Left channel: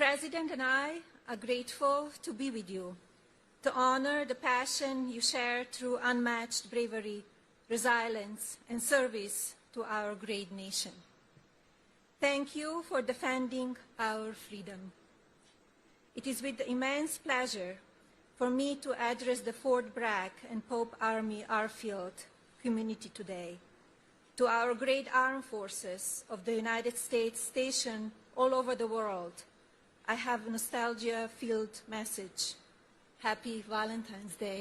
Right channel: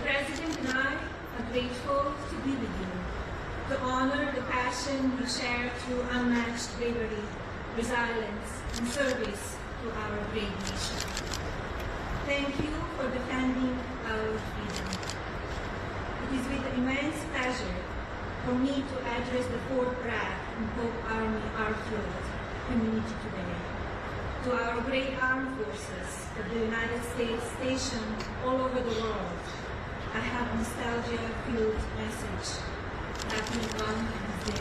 President and I are grateful to be with you, to honor the passion you share through unmatched bravery, resilience, and service to our great nation. Thank you for defending our freedom. It is with immense pleasure for me to address the Fort Bragg and Pope Army Airfield community today. To our great armed forces of the United States stationed all over the world, I have a nostalgia-filled message. Happy Valentine's Day.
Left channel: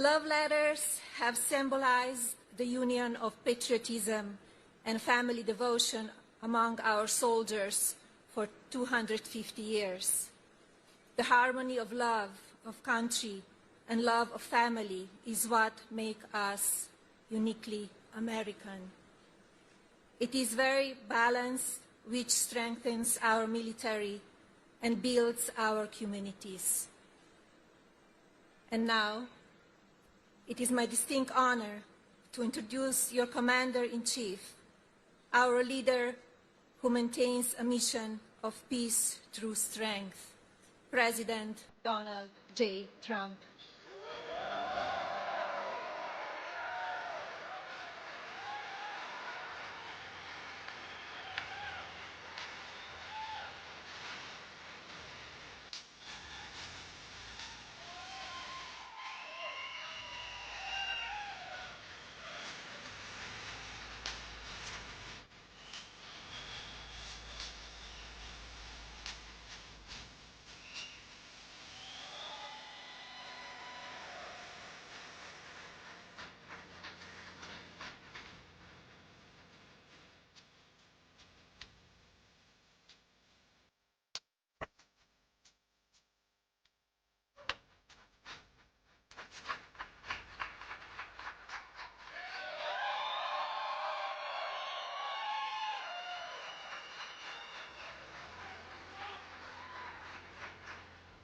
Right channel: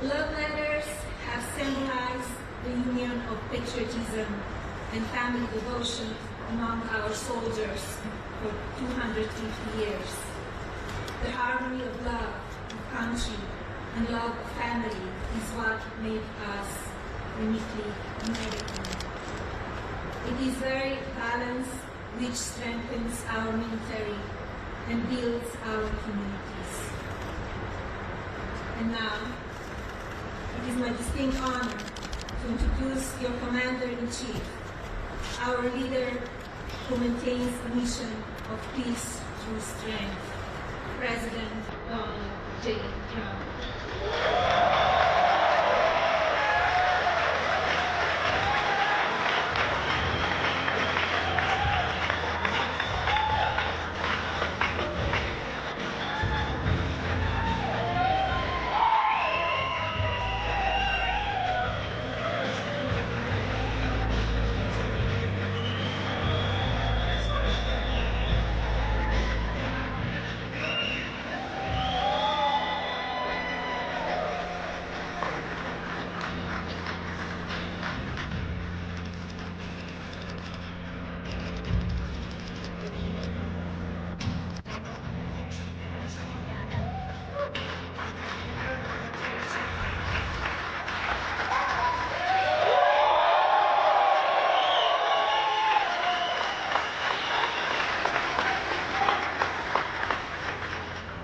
Love letters have symbolized the union of patriotism and family devotion among our soldiers for 250 years. The harmony of love of country and love of family is what makes us uniquely American. It is very balanced, which strengthens our military and builds our communities. And now, it is my distinct honor to introduce your Commander-in-Chief, our leader who maintains a mission of peace through strength, President Donald J. Trump.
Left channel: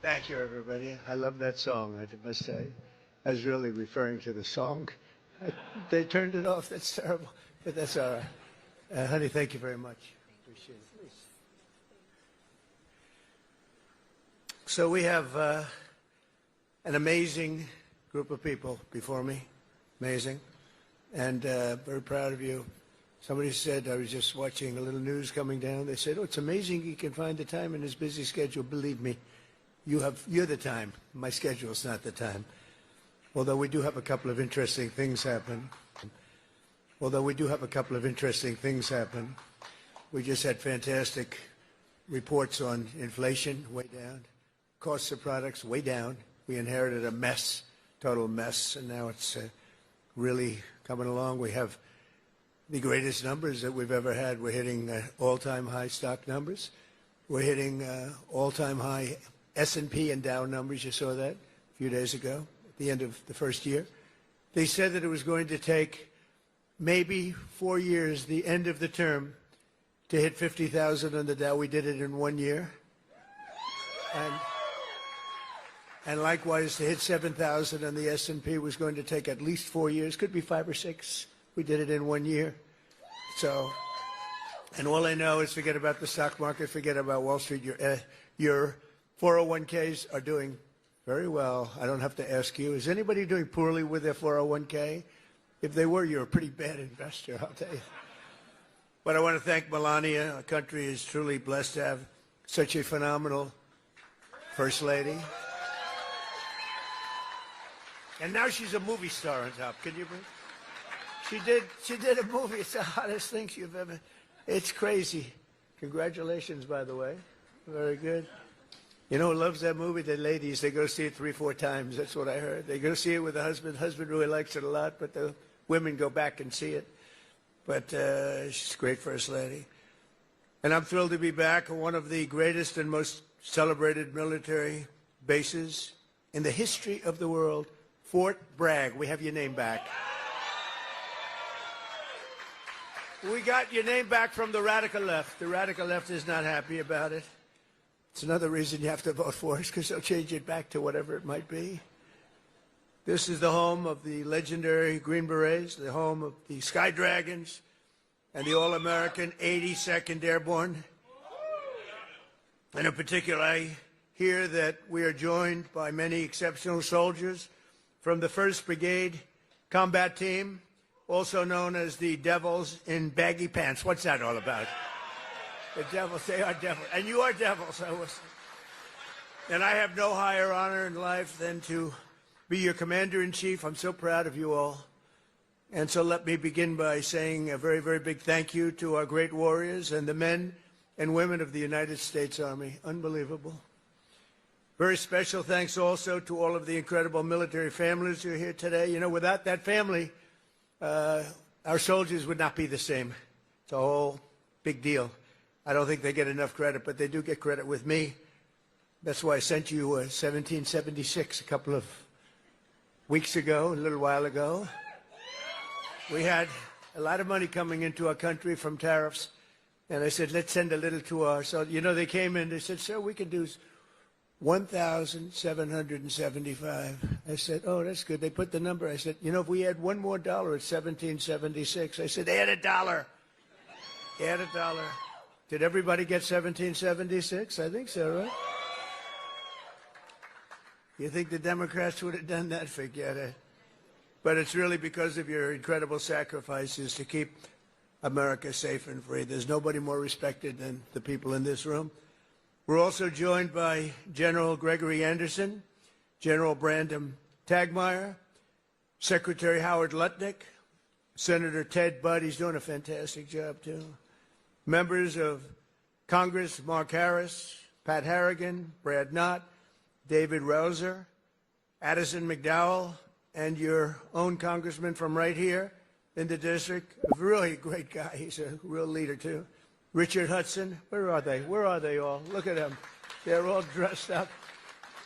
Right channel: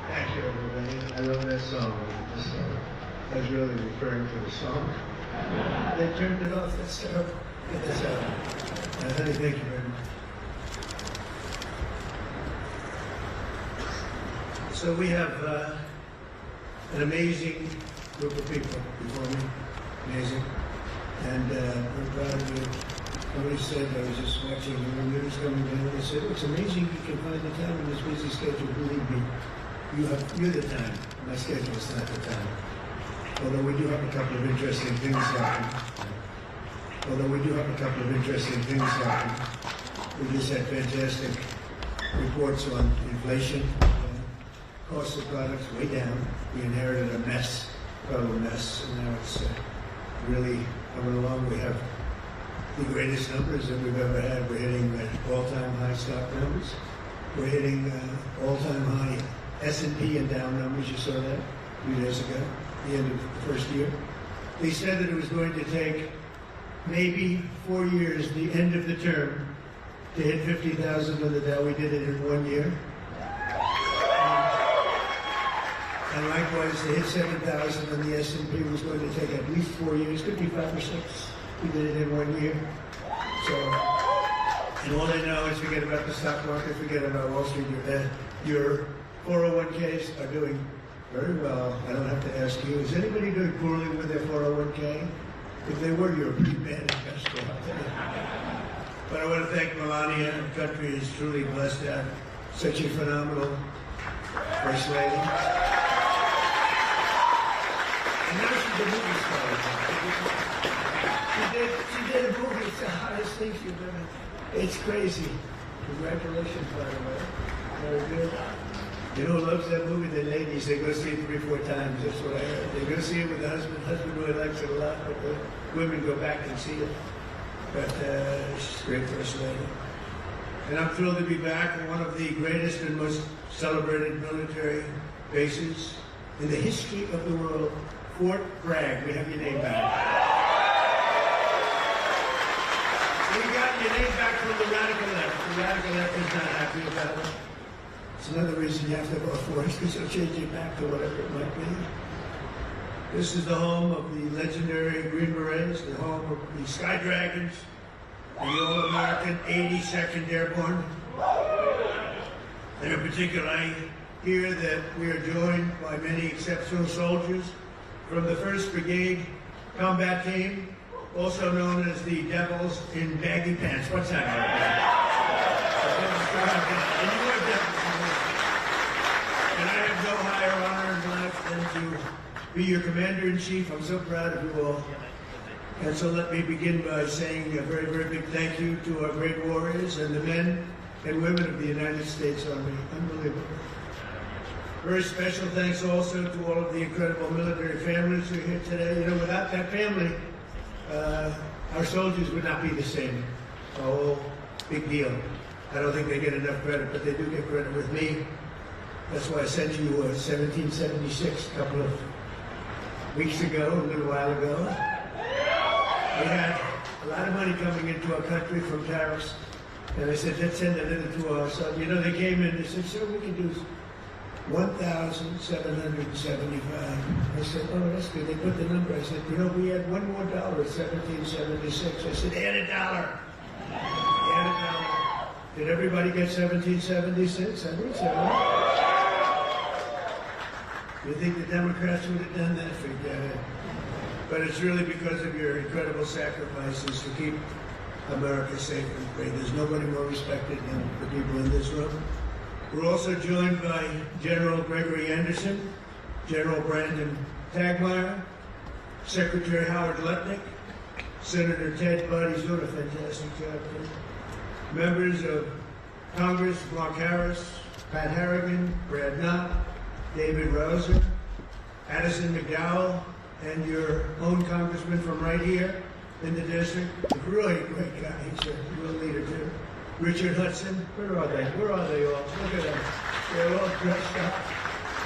Thank you, everybody. I love that song. I was really referring to the song. They turned it off. That's honey, thank you very much. So we have an amazing group of people before me. Amazing. And I'm proud of you. Somebody said, I was just watching the news coming down, they said, it's amazing you can find the time in this busy schedule. Believe me, you're the time. My schedule's not the time. Although we do have a couple of interesting things happening. We just had fantastic reports on inflation. Cost of products way down. We inherited a mess, total mess, and now it's really coming along. We have the greatest numbers that we've ever had. We're hitting all-time high stock numbers. We're hitting all-time high S&P and down numbers. You saw that a few days ago, the end of the first year. They said that it was going to take maybe 4 years, the end of the term, to hit 50,000 on the Dow. We did it in 1 year. And likewise, to hit 7,000 on the S&P was going to take at least 4 years, could be 5 or 6. We did it in 1 year. So, and all I know is forget about the stock market, forget about Wall Street. Your 401ks are doing very well. I don't have to ask you. Is anybody doing poorly with their 401k? If they were, you're a pretty bad investor, I'll tell you. But I want to thank Melania. The country is truly blessed to have such a phenomenal First Lady. And now she's a movie star. She did a movie. It's the hottest thing she's ever. It's crazy. Congratulations, by the way. Very good. You know who loves that movie? The ladies. They go see it 3 or 4 times. That's what I heard. They go see it with the husband. The husband really likes it a lot, but the women go back and see it. But she's a great First Lady. And I'm thrilled to be back on one of the greatest and most celebrated military bases in the history of the world, Fort Bragg. We have your name back. We got your name back from the radical left. The radical left is not happy about it. It's another reason you have to vote for it, so change it back to whatever it might be. This is the home of the legendary Green Berets, the home of the Sky Dragons, and the All-American 82nd Airborne. And in particular, I hear that we are joined by many exceptional soldiers from the 1st Brigade Combat Team, also known as the Devils in Baggy Pants. What's that all about? And you are Devils. And I have no higher honor in life than to be your Commander-in-Chief. I'm so proud of you all. And so let me begin by saying a very, very big thank you to our great warriors and the men and women of the United States Army. Unbelievable. Very special thanks also to all of the incredible military families who are here today. You know, without that family, our soldiers would not be the same. It's a whole big deal. I don't think they get enough credit, but they do get credit with me. That's why I sent you 1776 a couple of weeks ago, a little while ago. We had a lot of money coming into our country from tariffs, and I said, let's send a little to our son. You know, they came in and said, sir, we can do 1,775. I said, oh, that's good. They put the number. I said, you know, we had one more dollar, 1776. I said, they had a dollar. They had a dollar. Did everybody get 1776? I think so. You think the Democrats would have done that? Forget it. But it's really because of your incredible sacrifices to keep America safe and free. There's nobody more respected than the people in this room. We're also joined by General Gregory Anderson, General Brandon Tagmeyer, Secretary Howard Lutnick, Senator Ted Budd. He's doing a fantastic job too. Members of Congress, Mark Harris, Pat Harrigan, Brad Knott, David Rouser, Addison McDowell, and your own congressman from right here in the district. He's a really great guy. He's a real leader too. Richard Hudson. Where are they? Where are they all? Look at them. They're all dressed up.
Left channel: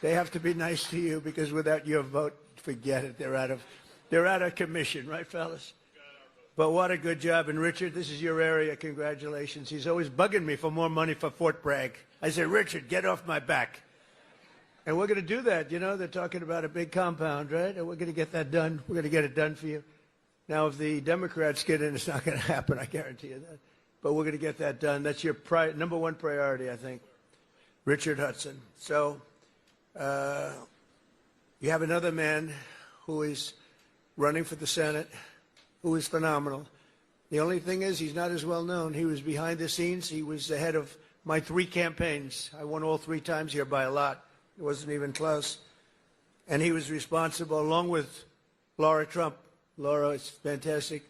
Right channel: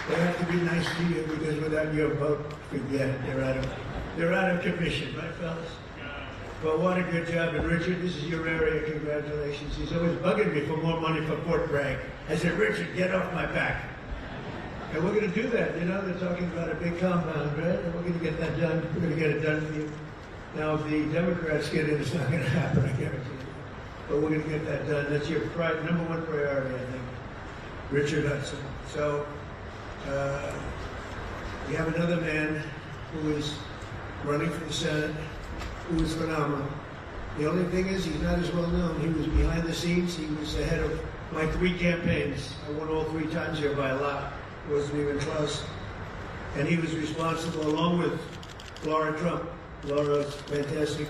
They have to be nice to you because without your vote, forget it. They're out of commission, right, fellas? But what a good job. And Richard, this is your area. Congratulations. He's always bugging me for more money for Fort Bragg. I said, Richard, get off my back. And we're going to do that. You know, they're talking about a big compound, right? And we're going to get that done. We're going to get it done for you. Now, if the Democrats get it, it's not going to happen, I guarantee you. But we're going to get that done. That's your number one priority, I think. Richard Hudson. So, we have another man who is running for the Senate, who is phenomenal. The only thing is, he's not as well known. He was behind the scenes. He was the head of my 3 campaigns. I won all 3 times here by a lot. It wasn't even close. And he was responsible, along with Laura Trump. Laura's fantastic.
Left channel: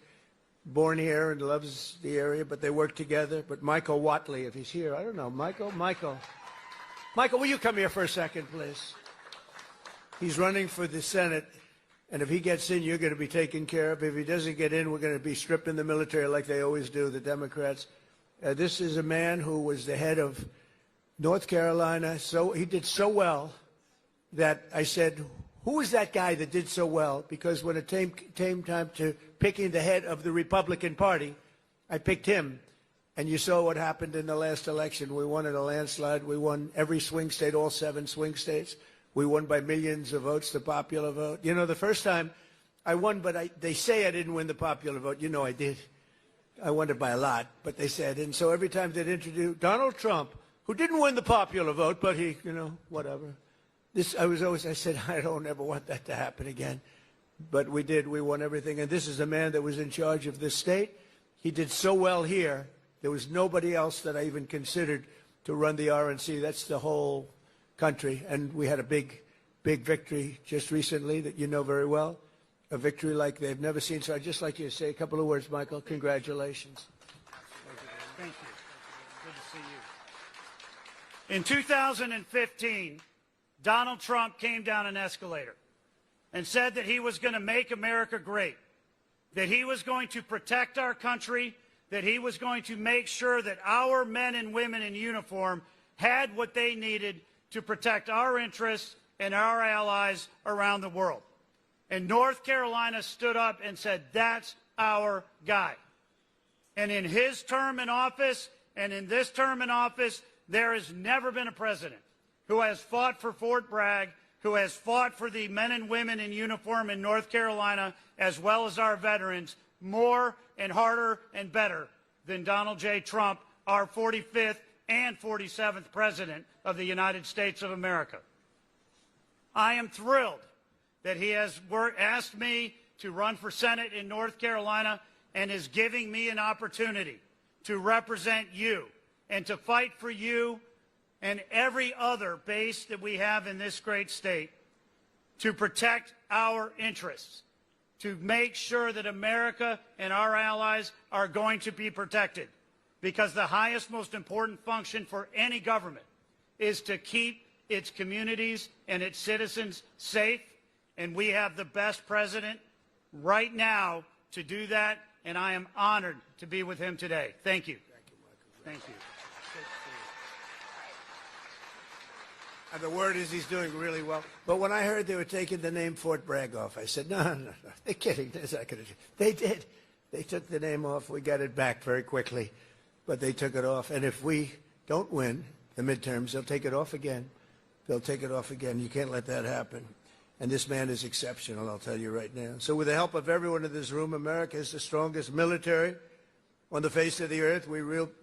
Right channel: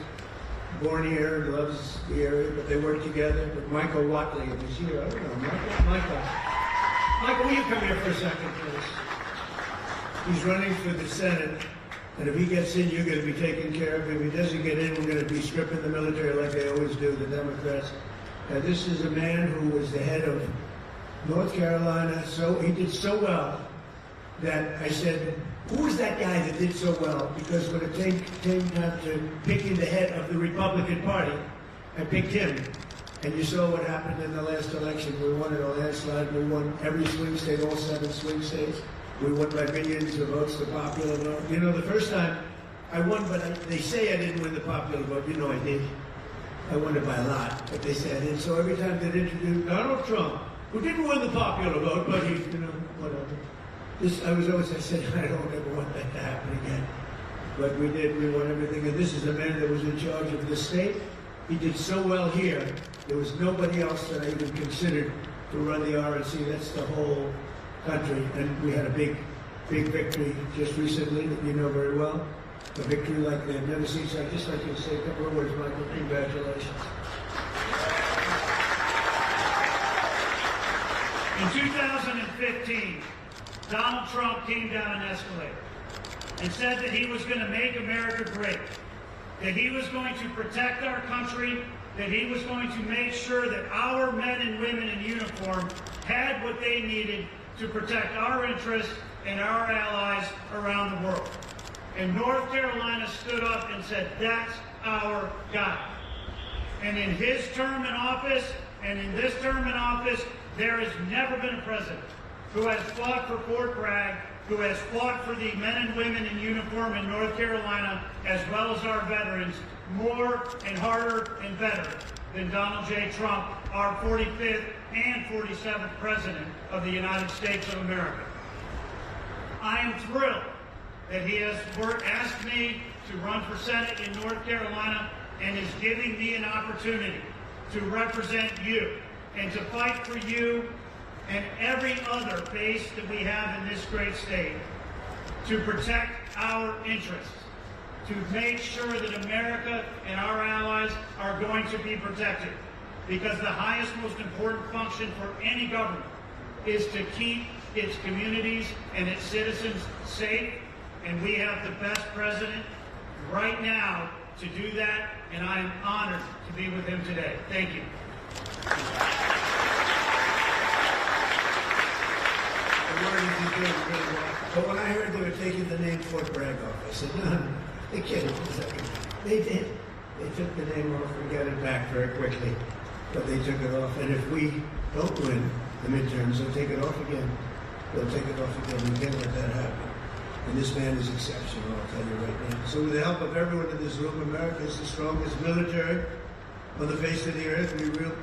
Born here and loves the area, but they work together with Michael Watley. He's here. I don't know. Michael, will you come here for a second, please? He's running for the Senate, and if he gets in, you're going to be taken care of. If he doesn't get in, we're going to be stripping the military like they always do, the Democrats. This is a man who was the head of North Carolina. So he did so well that I said, who was that guy that did so well? Because when it came time to picking the head of the Republican Party, I picked him. And you saw what happened in the last election. We won in a landslide. We won every swing state, all 7 swing states. We won by millions of votes, the popular vote. You know, the first time I won, but they say I didn't win the popular vote. You know I did. I won it by a lot, but they said I did. So every time they introduced Donald Trump, who didn't win the popular vote, but he, you know, whatever. I said, I don't ever want that to happen again. But we did, we won everything. And this is a man that was in charge of this state. He did so well here, there was nobody else that I even considered to run the RNC. That's the whole country. And we had a big, big victory just recently that you know very well. A victory like they've never seen. So I'd just like you to say a couple of words, Michael. Congratulations. In 2015, Donald Trump came down an escalator and said that he was going to make America great, that he was going to protect our country, that he was going to make sure that our men and women in uniform had what they needed to protect our interests and our allies around the world. And North Carolina stood up and said, that's our guy. And in his term in office, and in this term in office, there has never been a president who has fought for Fort Bragg, who has fought for the men and women in uniform in North Carolina, as well as our veterans, more and harder and better than Donald J. Trump, our 45th and 47th President of the United States of America. I am thrilled that he has asked me to run for Senate in North Carolina and is giving me an opportunity to represent you and to fight for you and every other base that we have in this great state, to protect our interests, to make sure that America and our allies are going to be protected. Because the highest, most important function for any government is to keep its communities and its citizens safe, and we have the best president right now to do that, and I am honored to be with him today. Thank you. The word is he's doing really well. But when I heard they were taking the name Fort Bragg off, I said, no, they can't do that. They did. They took the name off. We got it back very quickly. But they took it off. And if we don't win the midterms, they'll take it off again. They'll take it off again. We can't let that happen. And this man is exceptional, I'll tell you right now. So with the help of everyone in this room, America is the strongest military on the face of the earth.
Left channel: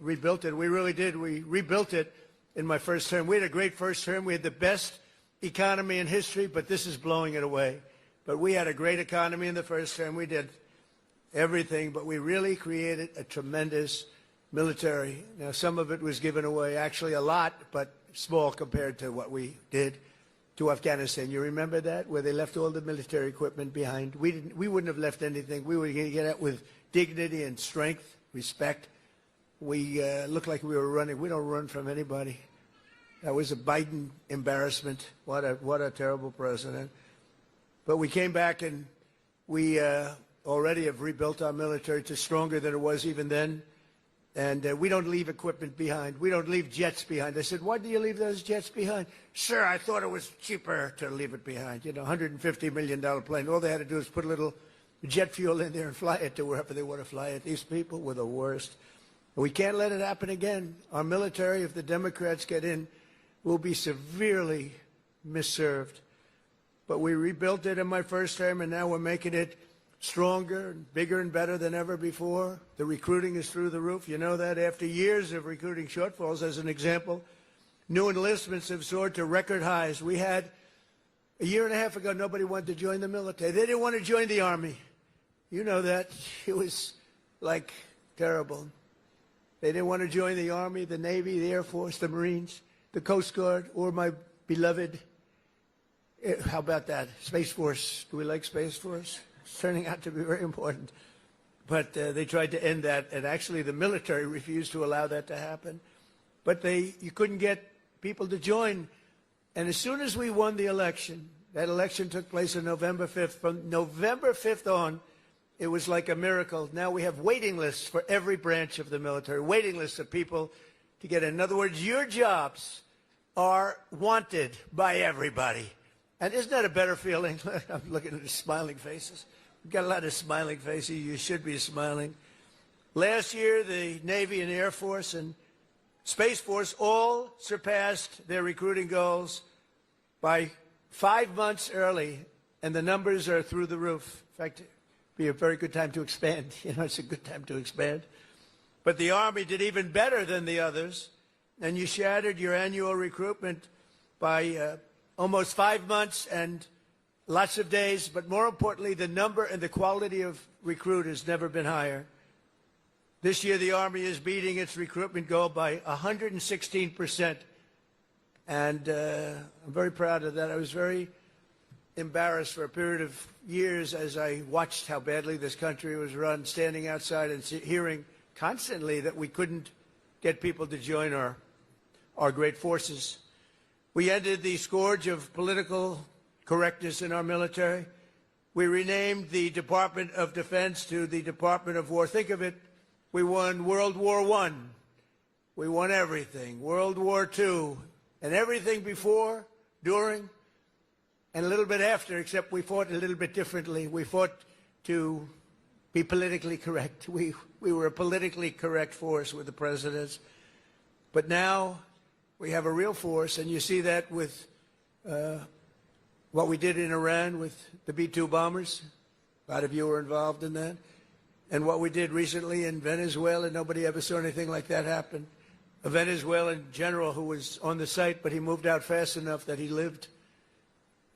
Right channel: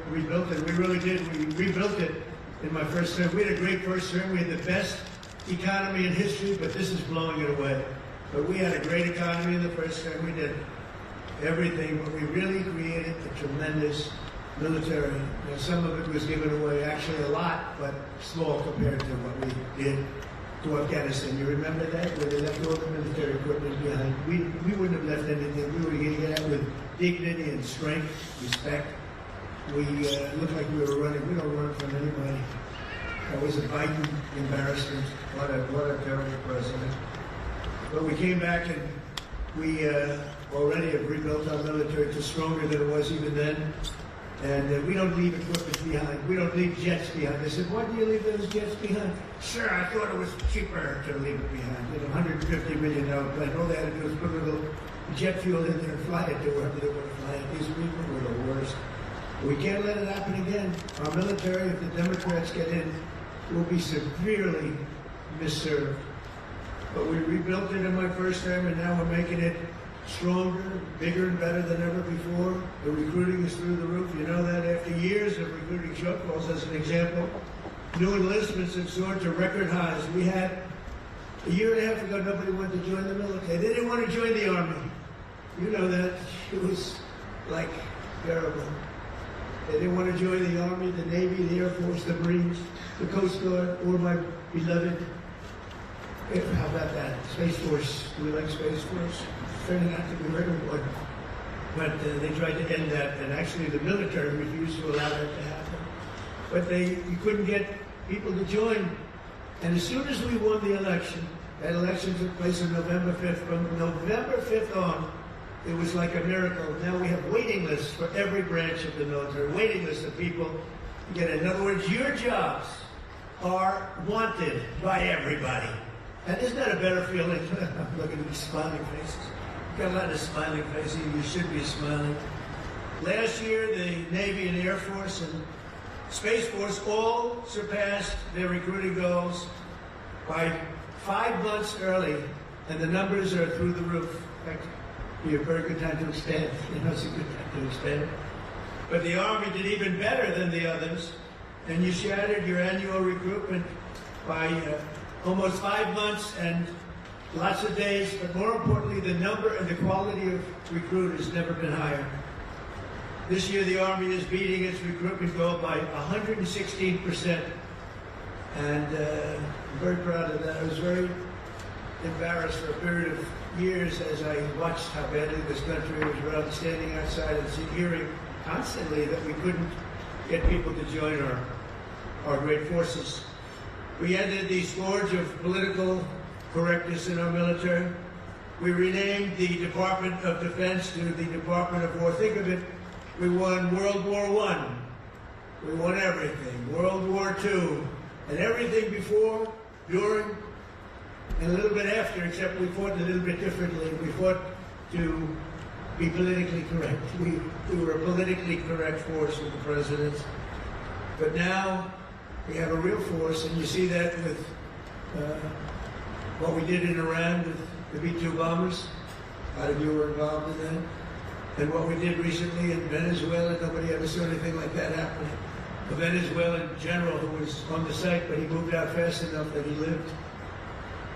We rebuilt it. We really did. We rebuilt it in my first term. We had a great first term. We had the best economy in history, but this is blowing it away. But we had a great economy in the first term. We did everything, but we really created a tremendous military. Some of it was given away, actually a lot, but small compared to what we did to Afghanistan. You remember that? Where they left all the military equipment behind. We wouldn't have left anything. We would get out with dignity and strength, respect. We looked like we were running. We don't run from anybody. That was a Biden embarrassment. What a terrible president. But we came back and we already have rebuilt our military to stronger than it was even then. And we don't leave equipment behind. We don't leave jets behind. They said, why do you leave those jets behind? Sure, I thought it was cheaper to leave it behind. You know, $150 million plane. All they had to do was put a little jet fuel in there and fly it to wherever they want to fly it. These people were the worst. We can't let it happen again. Our military, if the Democrats get in, will be severely misserved. But we rebuilt it in my first term, and now we're making it stronger, bigger, and better than ever before. The recruiting is through the roof. You know that after years of recruiting shortfalls, as an example, new enlistments have soared to record highs. We had, a year and a half ago, nobody wanted to join the military. They didn't want to join the Army. You know that. It was, like, terrible. They didn't want to join the Army, the Navy, the Air Force, the Marines, the Coast Guard, or my beloved, how about that, Space Force. We like Space Force. Turning out to be very important. But they tried to end that, and actually the military refused to allow that to happen. But you couldn't get people to join. And as soon as we won the election, that election took place on November 5th. From November 5th on, it was like a miracle. Now we have waiting lists for every branch of the military, waiting lists of people to get in. In other words, your jobs are wanted by everybody. And there's not a better feeling. I'm looking at the smiling faces. Got a lot of smiling faces. You should be smiling. Last year, the Navy and Air Force and Space Force all surpassed their recruiting goals by 5 months early, and the numbers are through the roof. In fact, it'd be a very good time to expand. You know, it's a good time to expand. But the Army did even better than the others, and you shattered your annual recruitment by almost 5 months and lots of days, but more importantly, the number and the quality of recruiters never been higher. This year, the Army is beating its recruitment goal by 116%. And I'm very proud of that. I was very embarrassed for a period of years as I watched how badly this country was run, standing outside and hearing constantly that we couldn't get people to join our great forces. We ended the scourge of political correctness in our military. We renamed the Department of Defense to the Department of War. Think of it, we won World War I. We won everything. World War II. And everything before, during, and a little bit after, except we fought a little bit differently. We fought to be politically correct. We were a politically correct force with the presidents. But now we have a real force, and you see that with what we did in Iran with the B-2 bombers. A lot of you were involved in that. And what we did recently in Venezuela, nobody ever saw anything like that happen. A Venezuelan general who was on the site, but he moved out fast enough that he lived,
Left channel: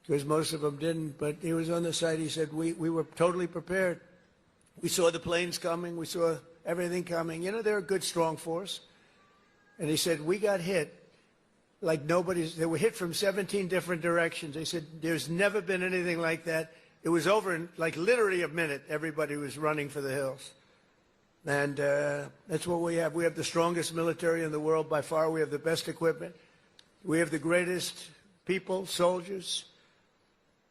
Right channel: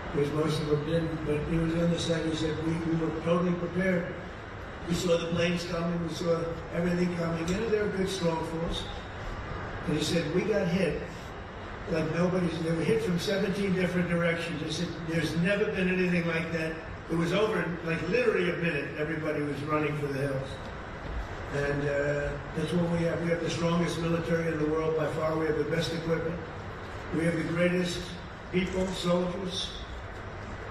which most of them didn't, but he was on the site. He said, we were totally prepared. We saw the planes coming, we saw everything coming. You know, they're a good, strong force. And he said, we got hit like nobody's, they were hit from 17 different directions. He said, there's never been anything like that. It was over in like literally a minute, everybody was running for the hills. And that's what we have. We have the strongest military in the world by far. We have the best equipment. We have the greatest people, soldiers.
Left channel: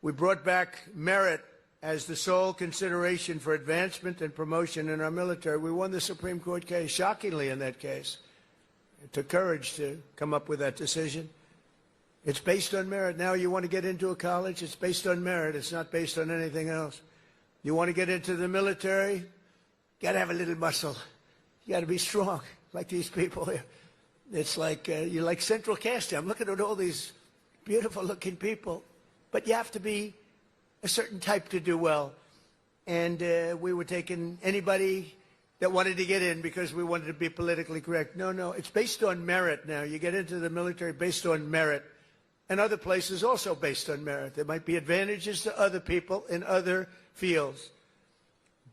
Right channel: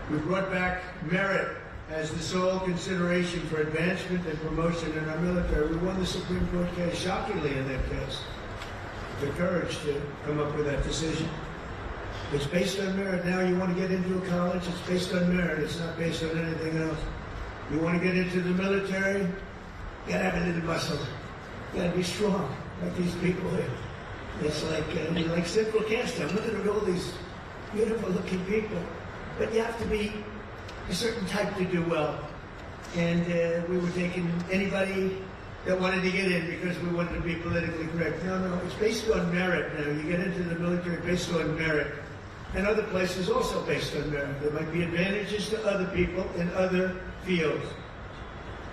We brought back merit as the sole consideration for advancement and promotion in our military. We won the Supreme Court case, shockingly in that case. It took courage to come up with that decision. It's based on merit. Now you want to get into a college, it's based on merit. It's not based on anything else. You want to get into the military, you got to have a little muscle. You got to be strong, like these people here. It's like, you're like central casting. I'm looking at all these beautiful looking people. But you have to be a certain type to do well. And we were taking anybody that wanted to get in because we wanted to be politically correct. No, it's based on merit now. You get into the military based on merit. And other places also based on merit. There might be advantages to other people in other fields.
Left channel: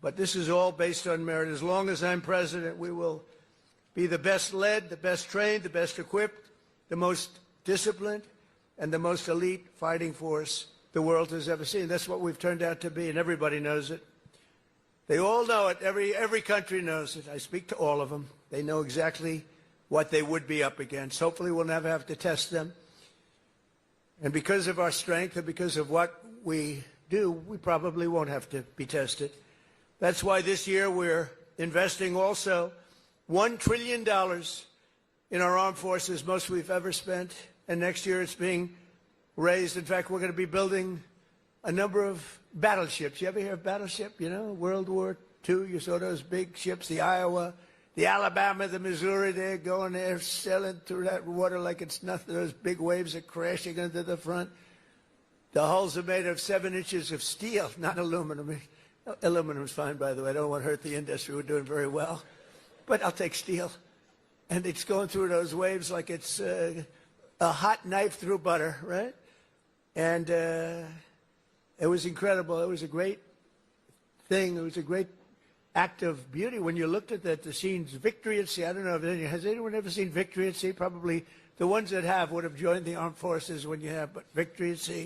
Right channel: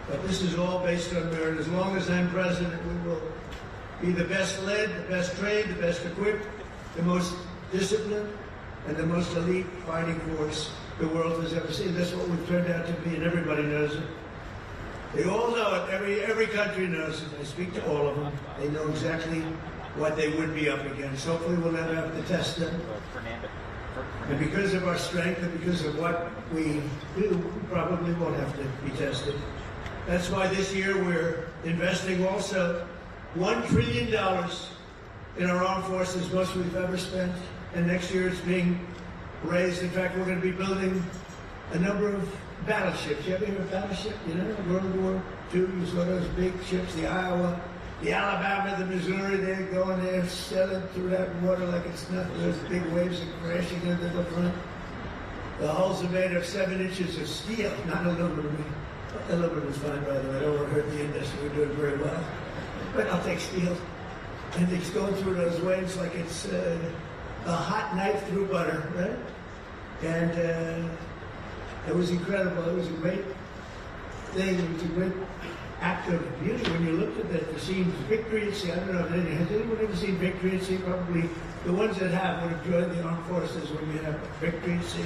But this is all based on merit. As long as I'm president, we will be the best led, the best trained, the best equipped, the most disciplined, and the most elite fighting force the world has ever seen. That's what we've turned out to be, and everybody knows it. They all know it. Every country knows it. I speak to all of them. They know exactly what they would be up against. Hopefully we'll never have to test them. And because of our strength and because of what we do, we probably won't have to be tested. That's why this year we're investing also $1 trillion in our armed forces, most we've ever spent. And next year it's being raised. In fact, we're going to be building a number of battleships. You ever hear of battleship? You know, World War II, you saw those big ships, the Iowa, the Alabama, the Missouri, they're going there, sailing through that water like it's nothing. Those big waves are crashing into the front. The hulls are made of 7 inches of steel, not aluminum. Aluminum is fine, by the way. I don't want to hurt the industry. We're doing very well. But I'll take steel. And it's going through those waves like it's a hot knife through butter, right? And it was incredible. It was a great thing. It was a great act of beauty when you looked at that, the scenes, Victory at Sea. I don't know if anyone, has anyone ever seen Victory at Sea? Probably the ones that have would have joined the armed forces when you have Victory at Sea.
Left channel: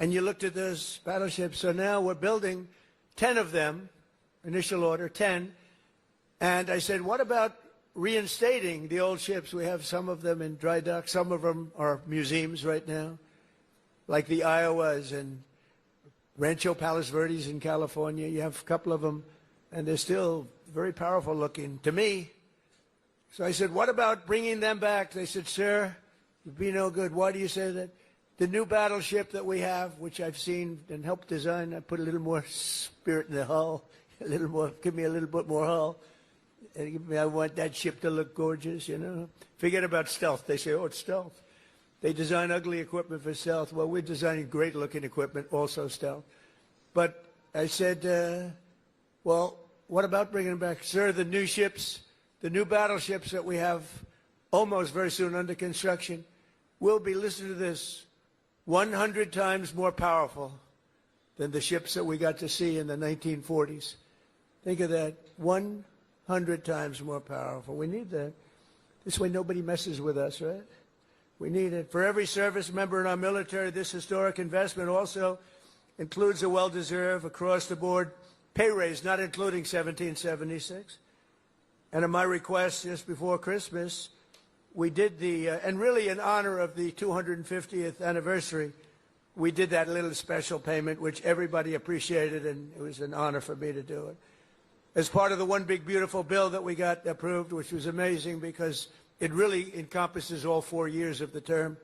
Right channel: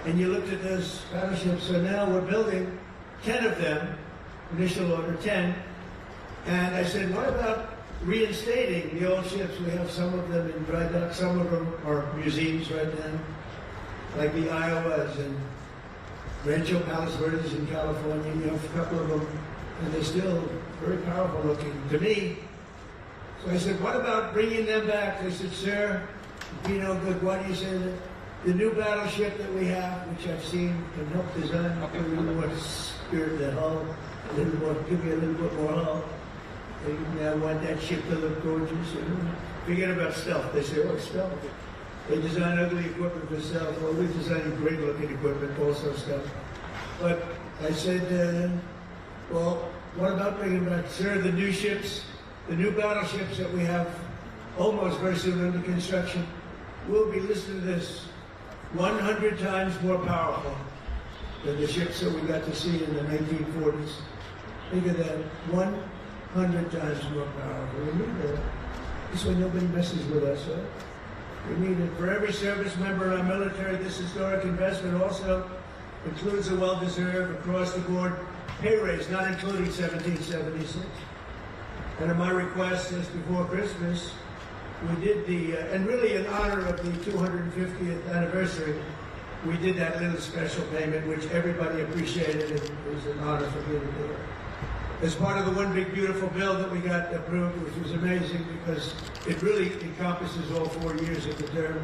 And you looked at those battleships. So now we're building 10 of them, initial order 10. And I said, what about reinstating the old ships? We have some of them in dry dock. Some of them are museums right now, like the Iowas and Rancho Palos Verdes in California. You have a couple of them, and they're still very powerful looking to me. So I said, what about bringing them back? They said, sir, it'd be no good. Why do you say that? The new battleship that we have, which I've seen and helped design, I'll put a little more spirit in the hull, a little more, give me a little bit more hull. I want that ship to look gorgeous. You know? Forget about stealth. They say, what's stealth? They design ugly equipment for stealth. Well, we're designing great looking equipment, also stealth. But I said, well, what about bringing back, sir, the new ships, the new battleships that we have almost very soon under construction will be, listen to this, 100 times more powerful than the ships that we got to see in the 1940s. Think of that, 100 times more powerful. We need that. This way nobody messes with us, right? We need it. For every service member in our military, this historic investment also includes a well-deserved, across-the-board pay raise, not including 1776. And at my request, just before Christmas, we did the, and really in honor of the 250th anniversary, we did that little special payment, which everybody appreciated, and it was an honor for me to do it. As part of the one big beautiful bill that we got approved, which was amazing because it really encompasses all 4 years of the term,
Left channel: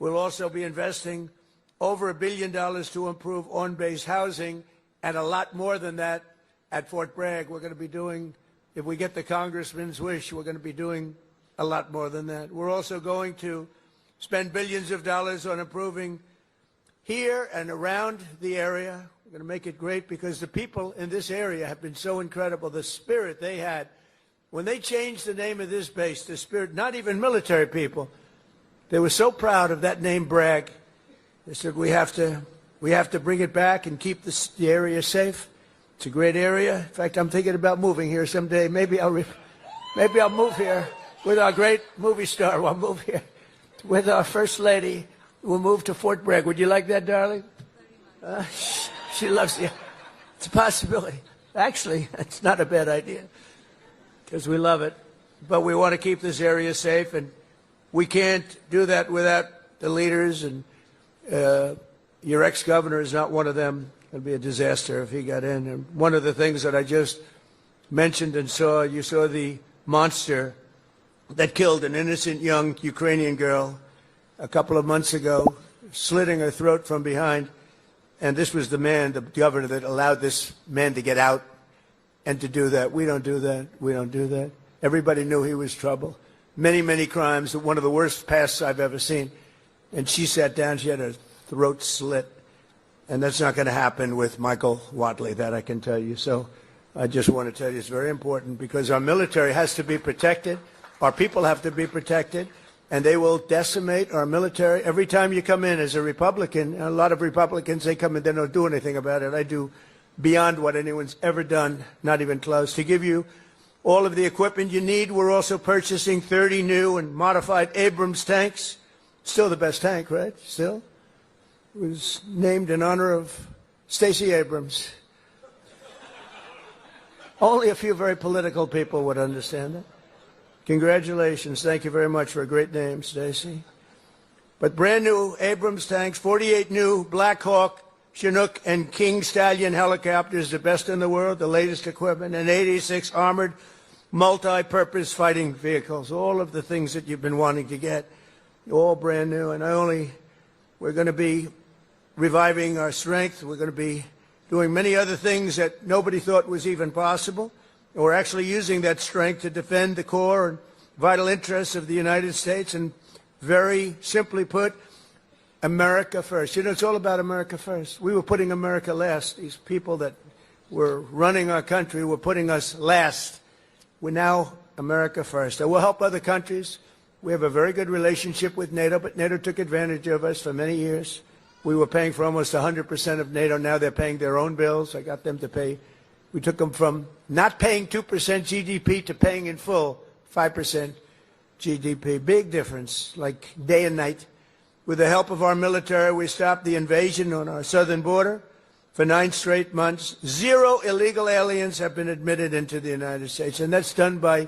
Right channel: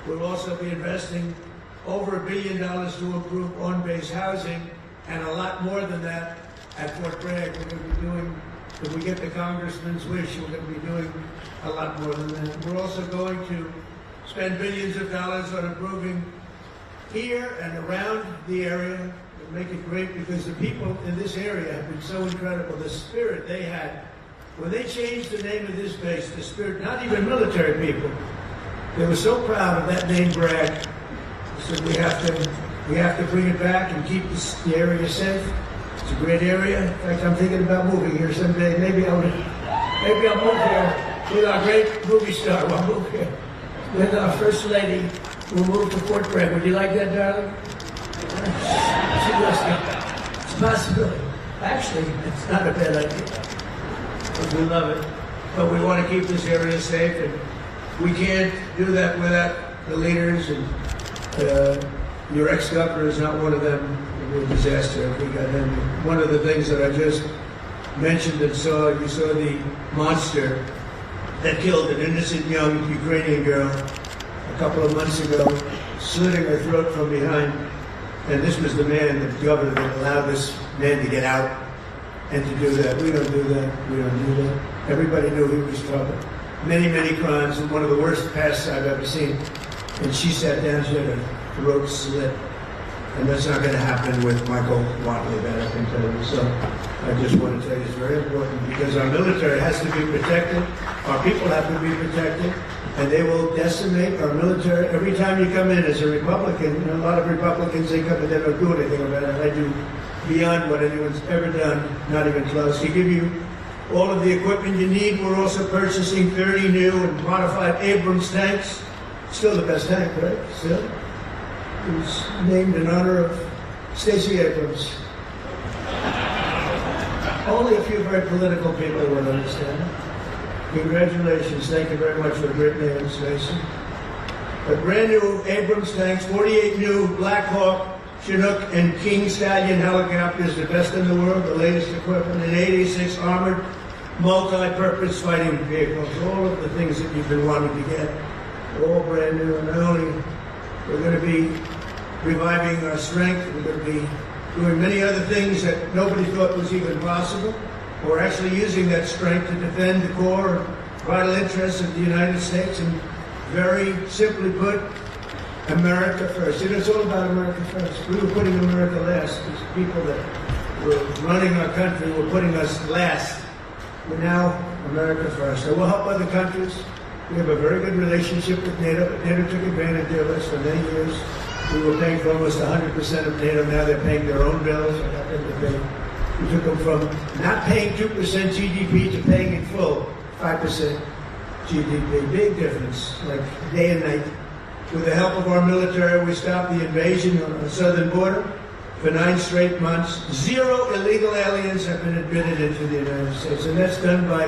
we'll also be investing over $1 billion to improve on-base housing, and a lot more than that at Fort Bragg. We're going to be doing, if we get the congressman's wish, we're going to be doing a lot more than that. We're also going to spend billions of dollars on improving here and around the area. We're to make it great because the people in this area have been so incredible. The spirit they had. When they changed the name of this base, the spirit, not even military people, they were so proud of that name, Bragg. They said, we have to bring it back and keep the area safe. It's a great area. In fact, I'm thinking about moving here someday. Maybe I'll move here with our great movie star. I'll move here with our first lady. We'll move to Fort Bragg. Would you like that, darling? She loves me. It's a possibility. Actually, it's not a bad idea. Because we love it. But we want to keep this area safe, and we can't do that without the leaders. And your ex-governor is not one of them. It'd be a disaster if we got in. One of the things that I just mentioned and saw, you saw the monster that killed an innocent young Ukrainian girl a couple of months ago, slitting her throat from behind. And this was the man, the governor, that allowed this man to get out and to do that. We don't do that. We don't do that. Everybody knew he was trouble. Many, many crimes, and one of the worst pasts I've ever seen. And she sat down, she had her throat slit. And that's not going to happen with Michael Lawfully, that I can tell you. So I just want to tell you it's very important because our military has to be protected. Our people have to be protected. And they will decimate our military. Every time you come in as a Republican, a lot of Republicans, they come in, they don't do anything about it. They do beyond what anyone's ever done, not even close. To give you all of the equipment you need, we're also purchasing 30 new and modified Abrams tanks. Still the best tank, right? Still. It was named in honor of Stacey Abrams. Only a few very political people would understand. Congratulations. Thank you very much for a great name, Stacey. But brand new Abrams tanks, 48 new Black Hawk, Chinook, and King Stallion helicopters, the best in the world, the latest equipment, and 86 armored multi-purpose fighting vehicles. All of the things that you've been wanting to get, all brand new. And not only we're going to be reviving our strength, we're going to be doing many other things that nobody thought was even possible. We're actually using that strength to defend the core and vital interests of the United States, and very simply put, America first. You know, it's all about America first. We were putting America last. These people that were running our country were putting us last. We're now America first. And we'll help other countries. We have a very good relationship with NATO, but NATO took advantage of us for many years. We were paying for almost 100% of NATO. Now they're paying their own bills. I got them to pay. We took them from not paying 2% GDP to paying in full 5% GDP. Big difference, like day and night. With the help of our military, we stopped the invasion on our southern border for 9 straight months. 0 illegal aliens have been admitted into the United States, and that's done by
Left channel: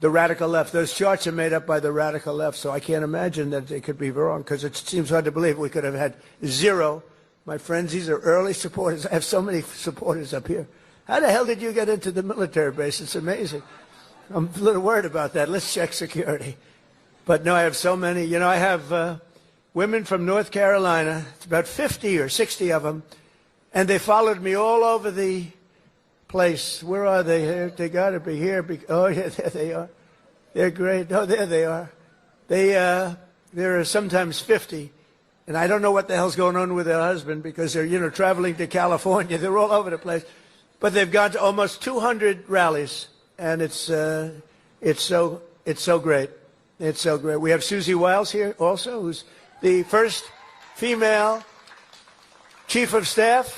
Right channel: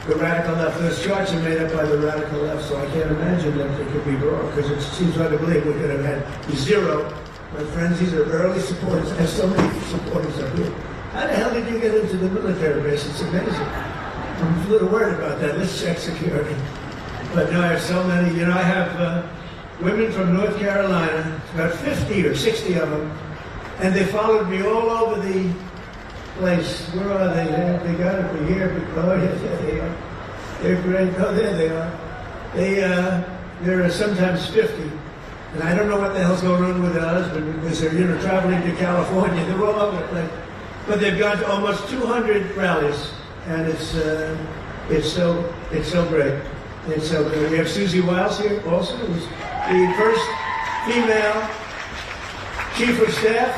the radical left. Those charts are made up by the radical left, so I can't imagine that they could be wrong, because it seems hard to believe we could have had 0. My friends, these are early supporters. I have so many supporters up here. How the hell did you get into the military base? It's amazing. I'm a little worried about that. Let's check security. But no, I have so many. You know, I have women from North Carolina, about 50 or 60 of them, and they followed me all over the place. Where are they? They got to be here. Oh, yes, there they are. They're great. Oh, there they are. There are sometimes 50. And I don't know what the hell's going on with their husband, because they're, you know, traveling to California. They're all over the place. But they've got almost 200 rallies, and it's so great. It's so great. We have Susie Wiles here also, who's the first female chief of staff,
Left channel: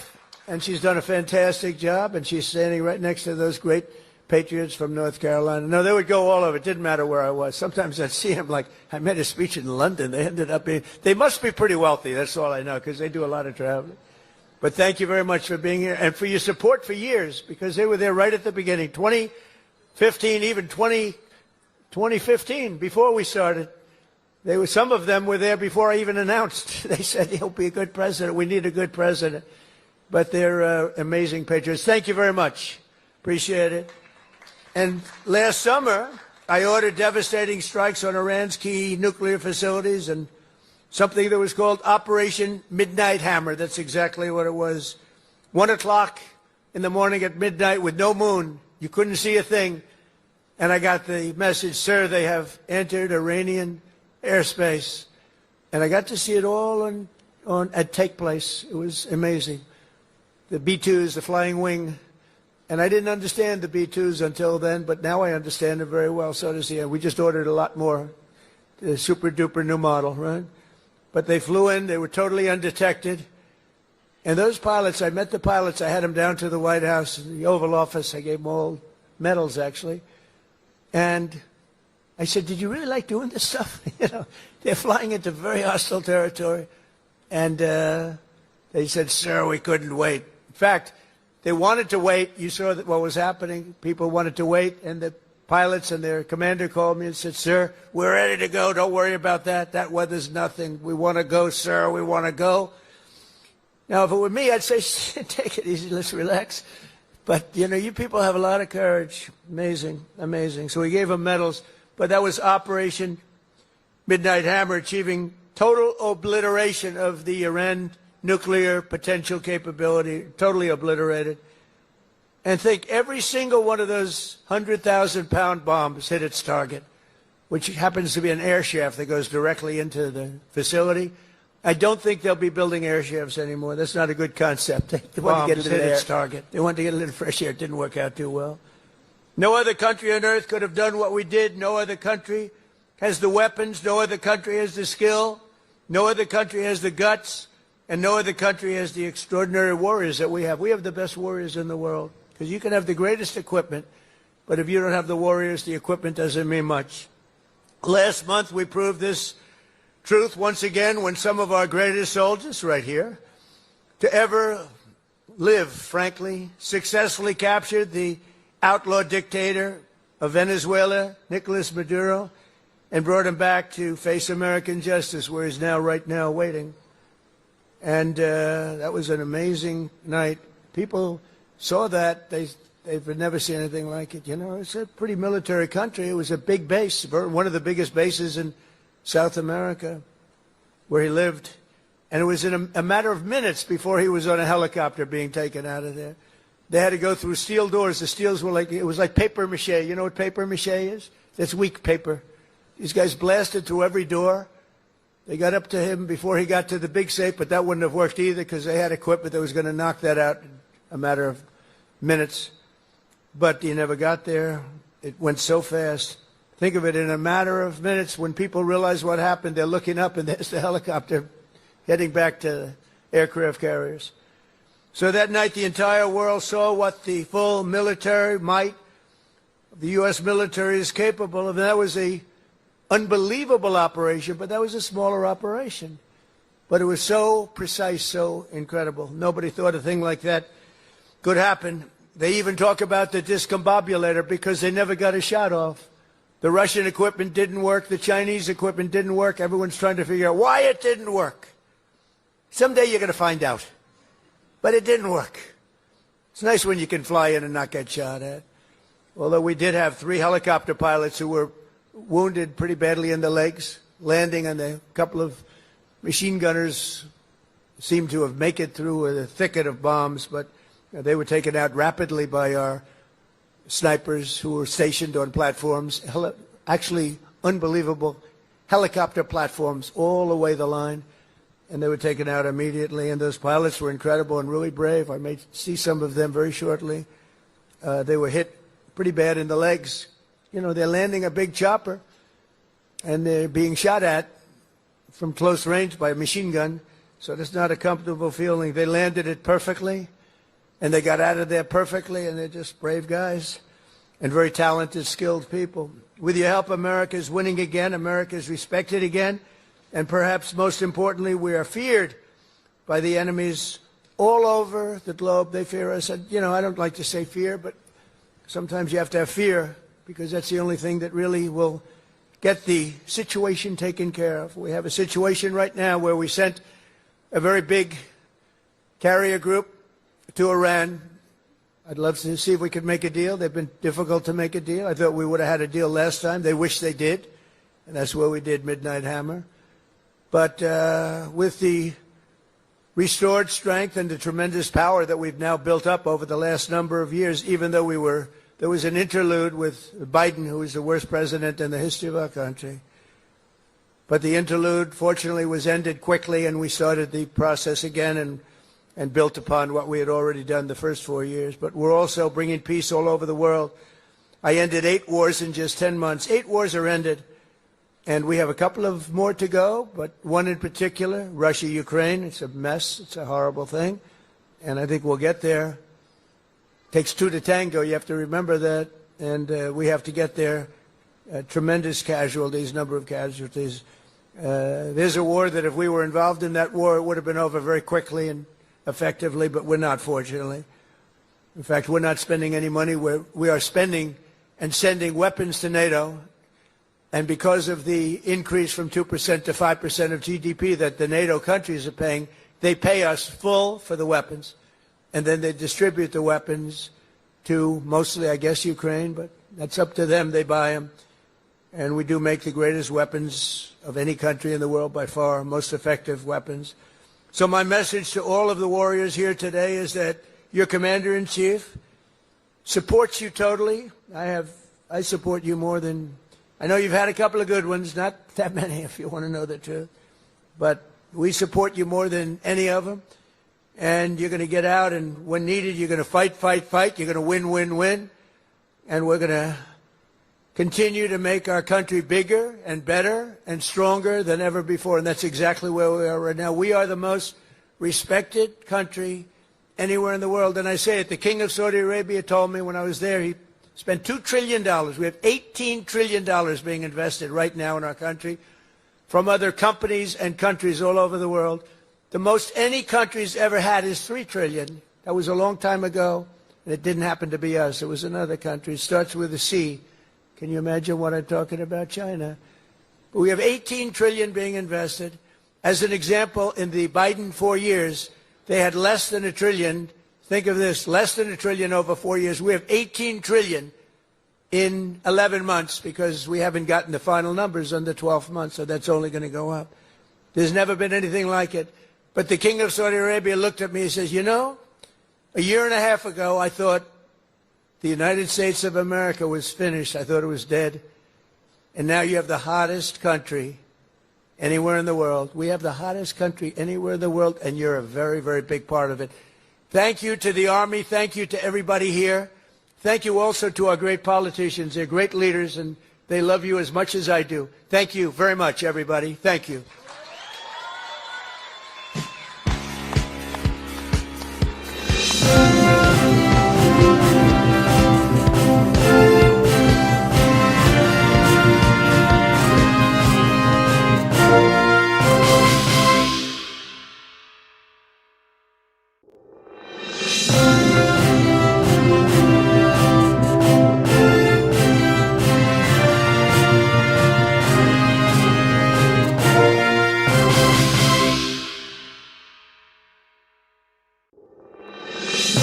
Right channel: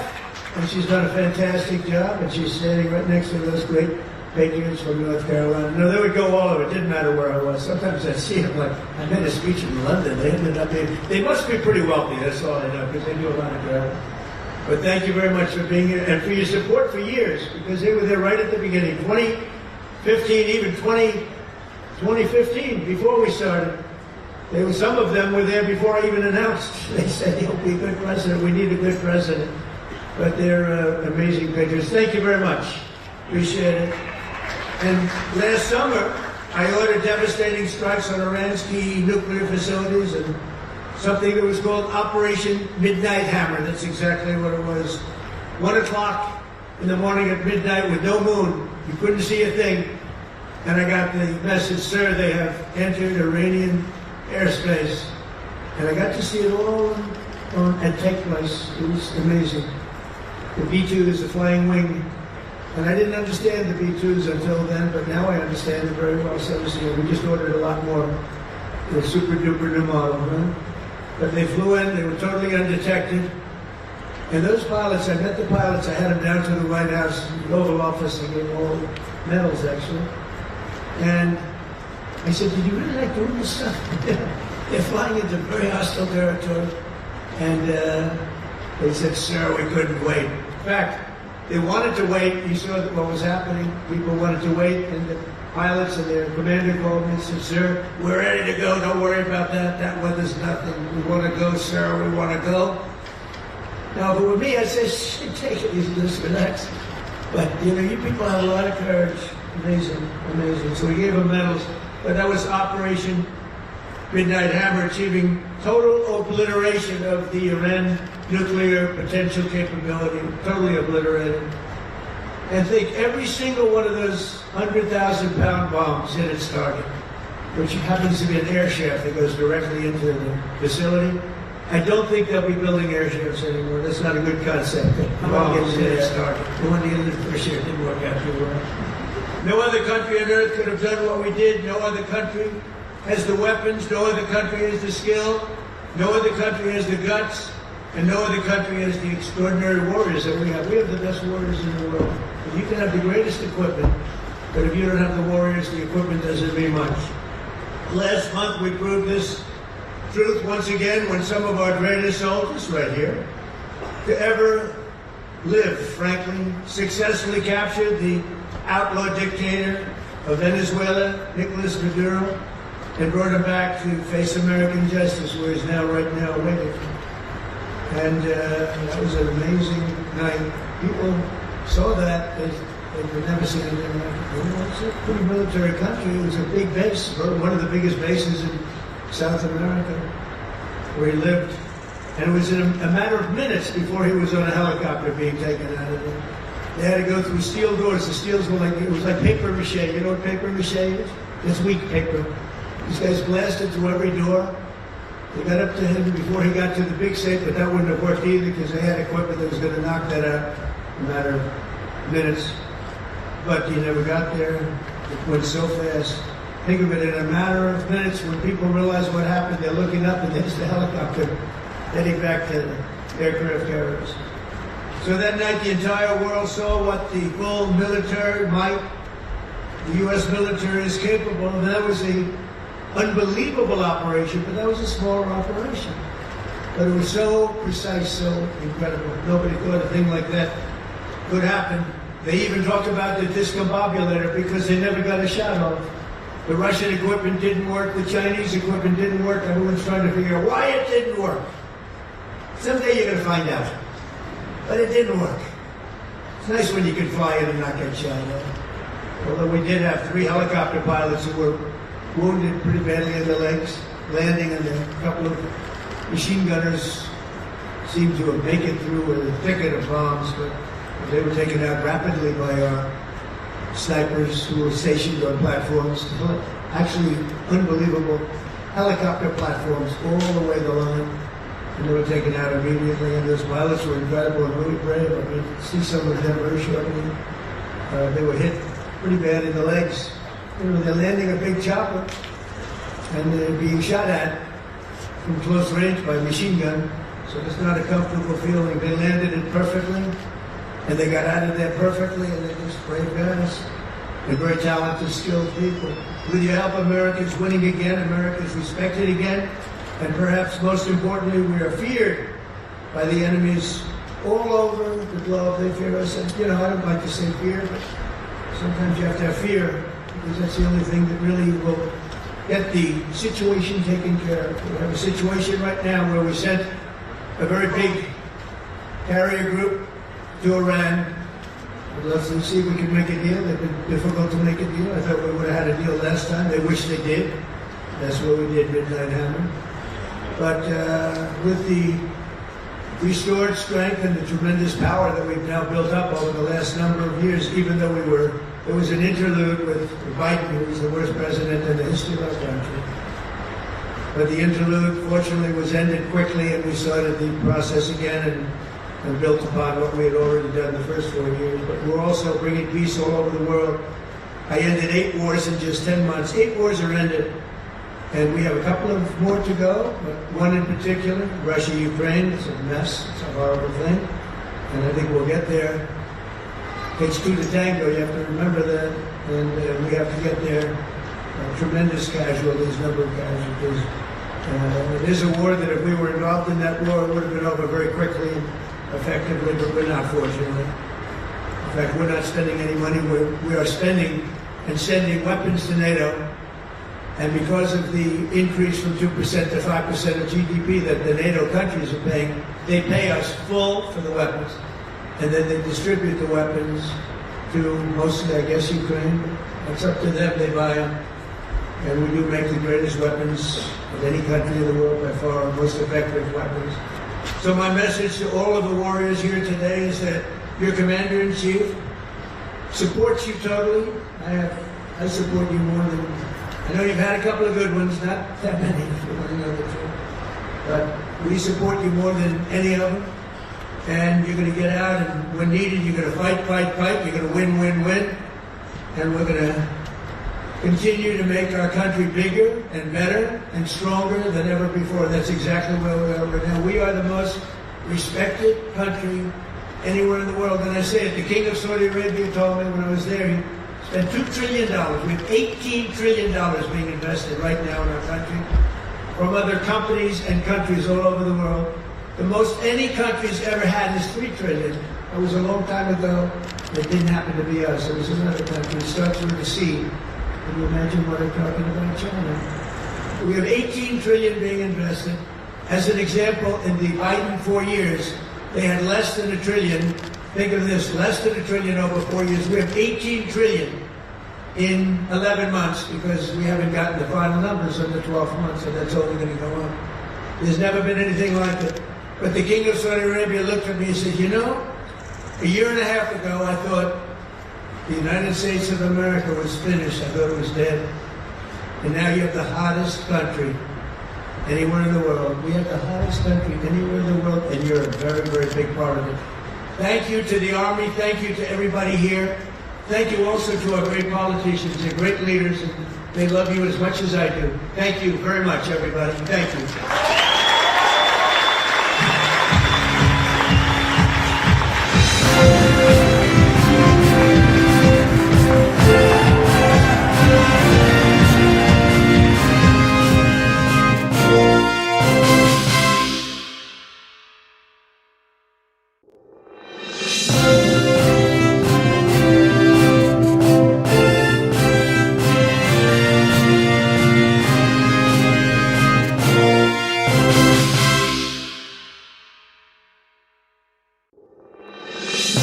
and she's done a fantastic job, and she's standing right next to those great patriots from North Carolina. No, they would go all over. It didn't matter where I was. Sometimes I see them, like, I made a speech in London. They ended up being, they must be pretty wealthy, that's all I know, because they do a lot of travel. But thank you very much for being here, and for your support for years, because they were there right at the beginning. 2015, even 2015, before we started. Some of them were there before I even announced. They said, he'll be a good president. We need a good president. But they're amazing patriots. Thank you very much. Appreciate it. And last summer, I ordered devastating strikes on Iran's key nuclear facilities, and something that was called Operation Midnight Hammer. That's exactly what it was. 1 o'clock in the morning at midnight with no moon. You couldn't see a thing. And I got the message, sir, they have entered Iranian airspace. And I got to see it all and take place. It was amazing. the B-2s, the flying wing. And I didn't understand the B-2s until then, but now I understand it very well. So we just ordered a lot more, the super duper new model, right? But they flew in, they were totally undetected. And those pilots, I met the pilots, I had them down to the White House, the Oval Office, I gave them all medals actually. And I said, do you really like doing this stuff? They're flying into very hostile territory. And they said, sir, we couldn't wait. In fact, they wanted to wait. You saw what was happening. People wanted to wait, and the pilots and their commander called me and said, sir, we're ready to go. Don't worry about that. That weather's nothing. We want to go, sir. We want to go. Now, if it were me, I'd say, shit, take it easy, let's relax. But, you people have a lot of courage. Amazing, amazing. So we gave them medals. But that was Operation Midnight Hammer, achieving total obliteration of the Iran nuclear potential capability, totally obliterated. And think every single one of those 100,000-pound bombs hit its target, which happens to be an air shaft that goes directly into the facility. I don't think they'll be building airships anymore. That's not a good concept. The bombs hit its target. They want to get into the fresh air. It didn't work out too well. No other country on earth could have done what we did. No other country has the weapons. No other country has the skill. No other country has the guts. And no other country has the extraordinary warriors that we have. We have the best warriors in the world. Because you can have the greatest equipment, but if you don't have the warriors, the equipment doesn't mean much. Last month, we proved this truth once again when some of our greatest soldiers, right here, to ever live, frankly, successfully captured the outlaw dictator of Venezuela, Nicolas Maduro, and brought him back to face American justice, where he's now, right now, waiting. And that was an amazing night. People saw that. They never said anything like it. It's a pretty military country. It was a big base, one of the biggest bases in South America, where he lived. And it was in a matter of minutes before he was on a helicopter being taken out of there. They had to go through steel doors. The steels were like, it was like paper mache. You know what paper mache is? It's weak paper. These guys blasted through every door. They got up to him before he got to the big safe, but that wouldn't have worked either because they had equipment that was going to knock that out in a matter of minutes. But he never got there. It went so fast. Think of it, in a matter of minutes, when people realize what happened, they're looking up and there's the helicopter heading back to aircraft carriers. So that night, the entire world saw what the full military might, the U.S. military is capable of. That was an unbelievable operation, but that was a smaller operation. But it was so precise, so incredible. Nobody thought a thing like that could happen. They even talked about the discombobulator because they never got a shot off. The Russian equipment didn't work, the Chinese equipment didn't work. Everyone's trying to figure out why it didn't work. Someday you're going to find out. But it didn't work. It's nice when you can fly in and not get shot at. Although we did have 3 helicopter pilots who were wounded pretty badly in the legs, landing, and a couple of machine gunners seemed to have made it through a thicket of bombs, but they were taken out rapidly by our snipers who were stationed on platforms. Actually, unbelievable helicopter platforms all the way the line. And they were taken out immediately, and those pilots were incredible and really brave. I mean, you can see some of them very shortly. They were hit pretty bad in the legs. You know, they're landing a big chopper, and they're being shot at from close range by a machine gun. So it's not a comfortable feeling. They landed it perfectly, and they got out of there perfectly, and they're just brave guys and very talented, skilled people. With your help, America's winning again. America's respected again. And perhaps most importantly, we are feared by the enemies all over the globe. They fear us. And, you know, I don't like to say fear, but sometimes you have to have fear because that's the only thing that really will get the situation taken care of. We have a situation right now where we sent a very big carrier group to Iran. I'd love to see if we can make a deal. They've been difficult to make a deal. I thought we would have had a deal last time. They wish they did. That's where we did Midnight Hammer. But with the restored strength and the tremendous power that we've now built up over the last number of years, even though there was an interlude with Biden, who was the worst president in the history of our country. But the interlude, fortunately, was ended quickly, and we started the process again. and built upon what we had already done the first 4 years. But we're also bringing peace all over the world. I ended 8 wars in just 10 months. 8 wars are ended, and we have a couple of more to go, but one in particular, Russia-Ukraine, it's a mess, it's a horrible thing, and I think we'll get there. It takes 2 to tango, you have to remember that, and we have to get there. Tremendous casualties, number of casualties. It is a war that if we were involved in that war, it would have been over very quickly, effectively, but we're not, fortunately. In fact, we're not spending any money. We are spending and sending weapons to NATO, and because of the increase from 2% to 5% of GDP that the NATO countries are paying, they pay us full for the weapons, and then they distribute the weapons to mostly, I guess, Ukraine. But it's up to them. They buy them, and we do make the greatest weapons of any country in the world by far, most effective weapons. So my message to all of the warriors here today is that your commander-in-chief supports you totally. I support you more than, I know you've had a couple of good ones, not that many if you want to know the truth, but we support you more than any of them. And you're going to get out, and when needed, you're going to fight, fight, fight. You're going to win, win, win. And we're going to continue to make our country bigger and better and stronger than ever before. That's exactly where we are right now. We are the most respected country anywhere in the world. And I say it, the King of Saudi Arabia told me when I was there, he spent $2 trillion. We have $18 trillion being invested right now in our country from other companies and countries all over the world. The most any country's ever had is $3 trillion. That was a long time ago. It didn't happen to be us. It was another country. It starts with a C. Can you imagine what I'm talking about? China. We have $18 trillion being invested. As an example, in the Biden 4 years, they had less than $1 trillion. Think of this, less than $1 trillion over 4 years. We have $18 trillion in 11 months because we haven't gotten the final numbers on the 12th month, so that's only going to go on. There's never been anything like it. But the King of Saudi Arabia looked at me and said, you know, a year and a half ago, I thought the United States of America was finished. I thought it was dead. And now you have the hottest country anywhere in the world. We have the hottest country anywhere in the world, and you're a very, very big part of it. Thank you to the Army. Thank you to everybody here. Thank you also to our great politicians and great leaders. They love you as much as I do. Thank you very much, everybody. Thank you.